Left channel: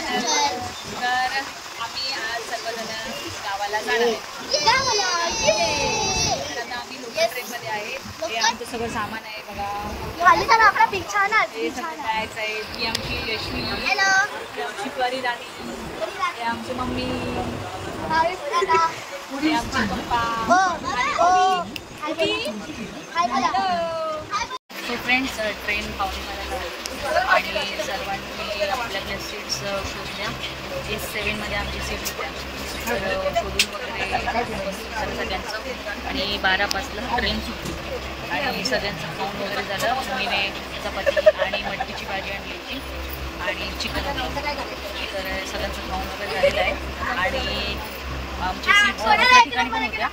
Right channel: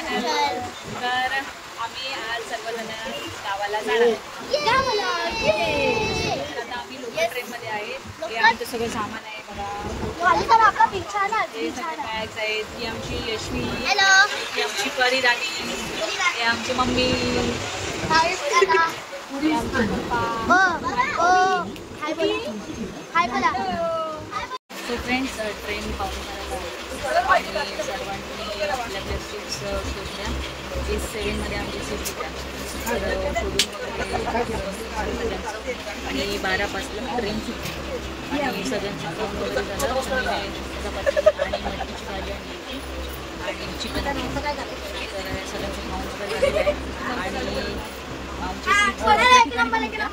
Channel. तर आम्ही आज सर्वजण गावाला जाणार आहे. तर आता आम्ही लोकल ट्रेनमध्ये आहे. हे आमचं सगळं सामान आहे बघा. जायचं आहे. ती आमची यशवी, ही आमची परिराणी, हे आमची मम्मी, हे आमचे पप्पा. सो फ्रेंड्स, ट्रेन पावणेबाराला आणि सर्वांनी आपल्या सीट्स शोधल्या. S7मध्ये आमची सीट होत्या. तर शोधून वगैरे झालं सगळ्यांचं आणि 12 ट्रेन सुटली आणि सगळ्यांचं खाऊन वगैरे झालं. मम्मीने चपाती आणि मटकीची भाजी आणली होती आणि चिकन तर सगळ्यांचं खाऊन वगैरे झालेलं आहे. आणि आमची सीट्स दुसऱ्या ठिकाणी पण होत्या,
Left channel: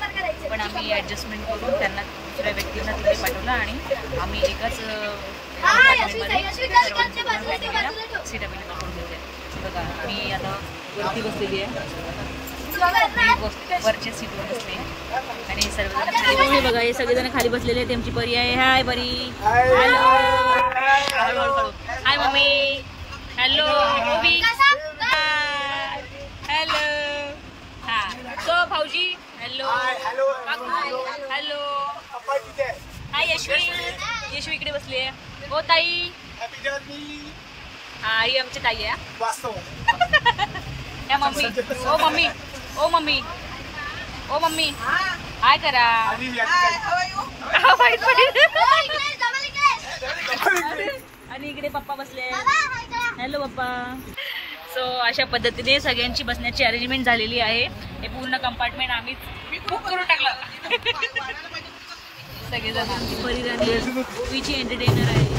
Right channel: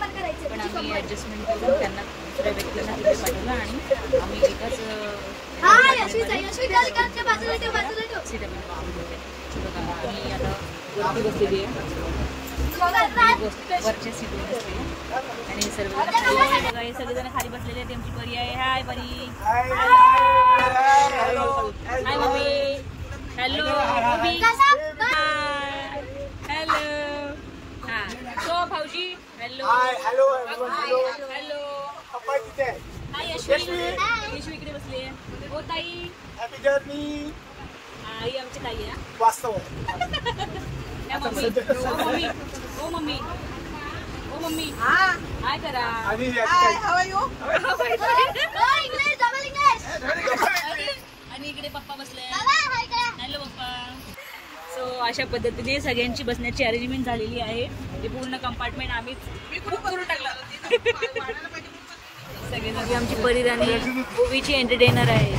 पण आम्ही ॲडजस्टमेंट करून त्यांना दुसऱ्या व्यक्तींना तिकडे पाठवलं आणि आम्ही एकाच सीट अवेलेबल करून घेतल्या. बघा मी आता वरती बसलेली आहे, वरच्या सीटवर बसली आहे आणि सर्वजण खाली बघा. हे सगळेजण खाली बसलेले आहेत. आमची परी आहे. हाय परी, हळूहळू. हाय मम्मी, हॅलो मम्मी, हॅलो. हा सो भाऊजी, हॅलो हॅलो. हाय यशवी, यशवी इकडे बसली आहे. हो ताई, हा ही आमची ताई आहे. मम्मी, ओ मम्मी, ओ मम्मी, ओ मम्मी, हाय करा. आणि इकडे पप्पा बसले. हॅलो पप्पा. सो अशा पद्धतीने सगळ्यांची बसण्याची अरेंजमेंट झालेली आहे. हे पूर्ण कंपार्टमेंट आम्हीच बुक करून टाकलं. सगळे आमची परिराणी ओवीची एंटरटेनर आहे.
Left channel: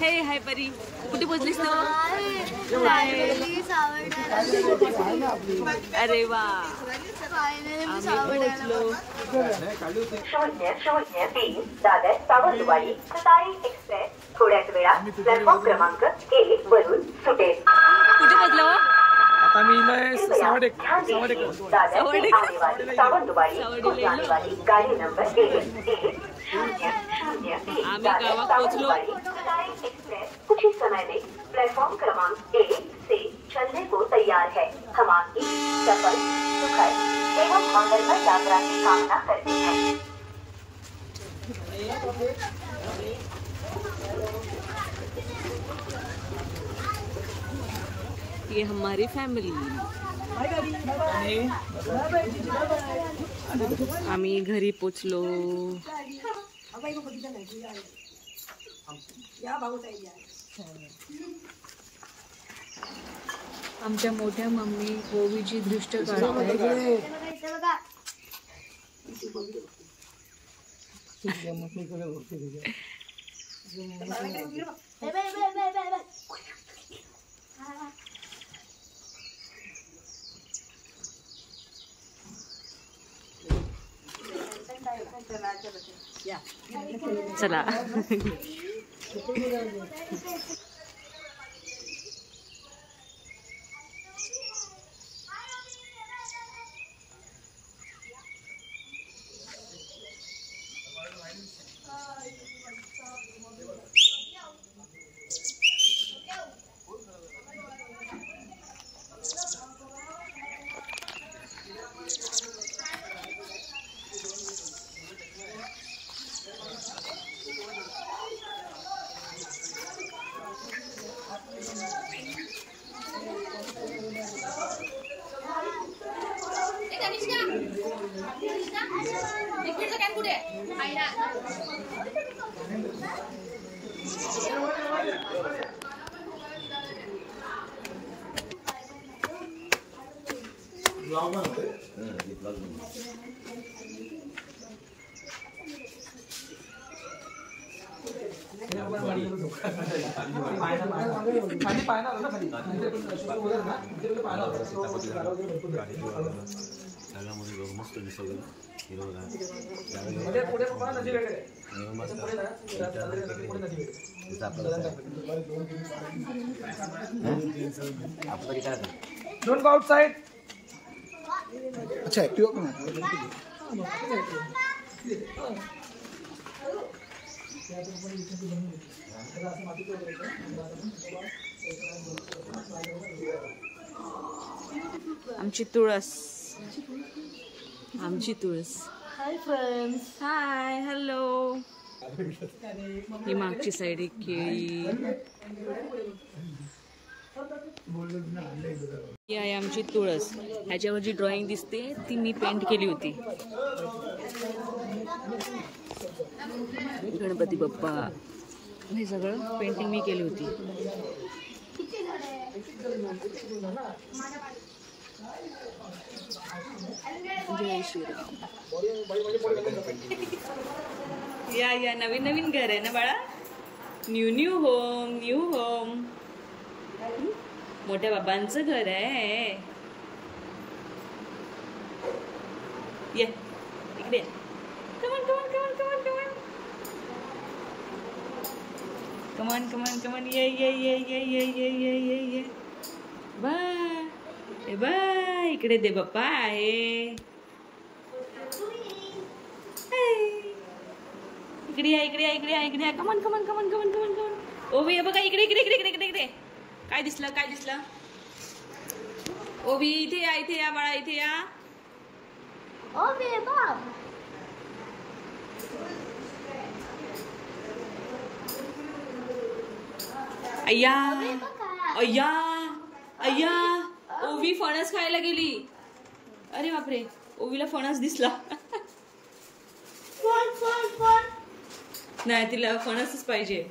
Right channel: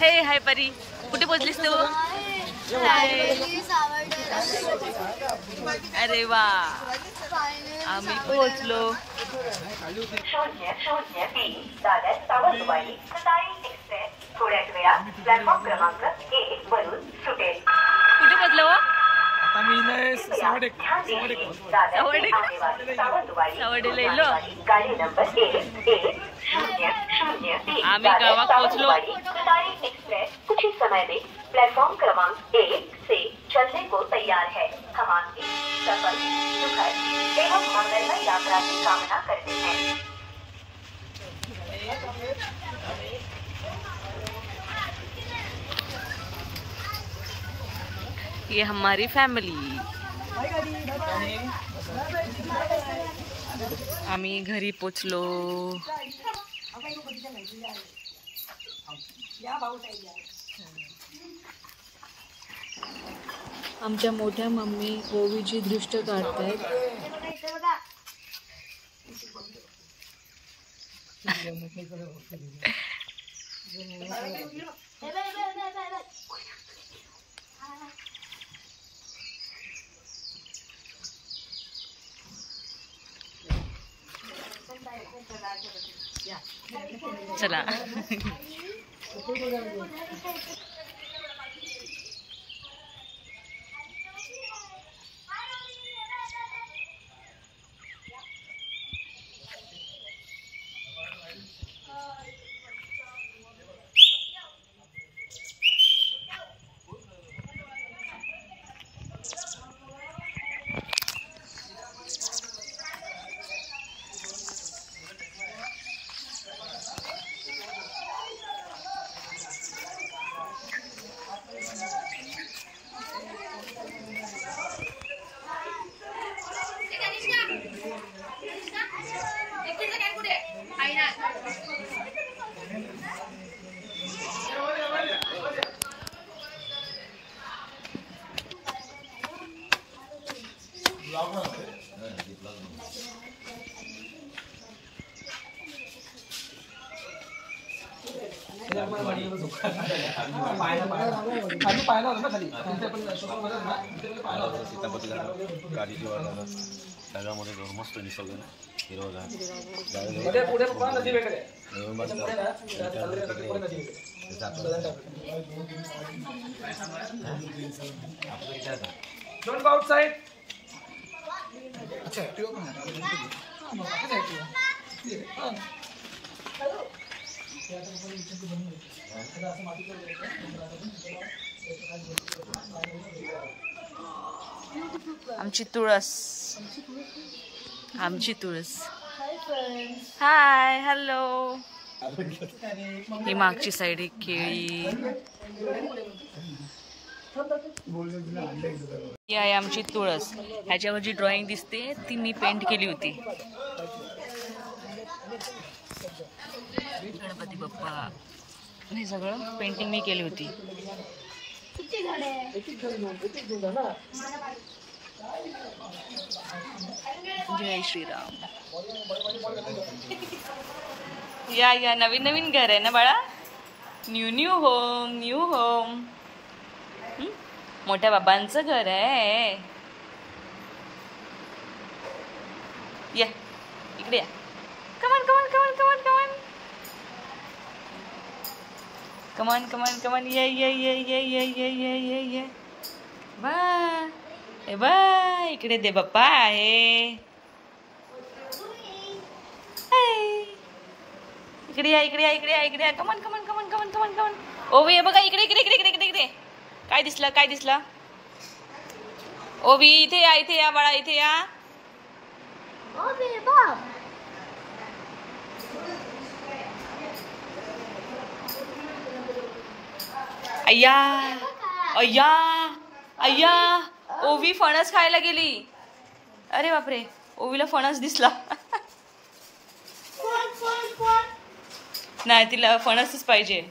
हे हाय परी, कुठे पोचलीस तू? अरे वा, आम्ही पोहोचलो. 00:20 दादर सावंतवाडी सकाळी एक्सप्रेस थोड्याच वेळात प्लॅटफॉर्म क्रमांक 1 वरून सुटेल. कुठे पोहोचलो? आता मी सावडेला गाडी नंबर 11003. आम्ही गावात पोहोचलो. सकाळी एक्सप्रेस कुछ ही समय में प्लेटफॉर्म क्रमांक 1 से चलने को तैयार है. हम आपकी सफल एवं मंगलमय यात्रा की कामना करते हैं. ये हमारी फॅमिली. आम्ही घरी पोचलो. आमच्या मोठ्या मम्मी ओवीची दृष्ट काढतायत. चला. सगळ्यामध्ये मस्त दिसत पुढे नदी वगैरे डोंट गो आउटसाइड. अच्छा ऍक्टिव्ह पण आमची तुळस. Hi hello. ही मागची साईड एक केळी. ही आहे आमची तुळस. ह्याच्यावर जी ड्रॉइंग दिसते ती मी पेंट केली होती. गणपती बाप्पा हे सगळं पेंटिंग मी केली होती. जय श्रीराम. या नवीन नवीन घर आहे ना बाळा. New home. मोठ्या बाबांचं घर आहे. या इकडे या. कमान ये. बा इकडे दे बाप्पा आहे. इकडे या. कमान. ओवी हे बघा इकडे. काय दिसलं. ओवी इथे या बाळा इथे या. अय्या ओवी फणस खायला गेली. अरे बापरे ओवीला फणस दिसला. नाही तिला फणसच पाहिजे.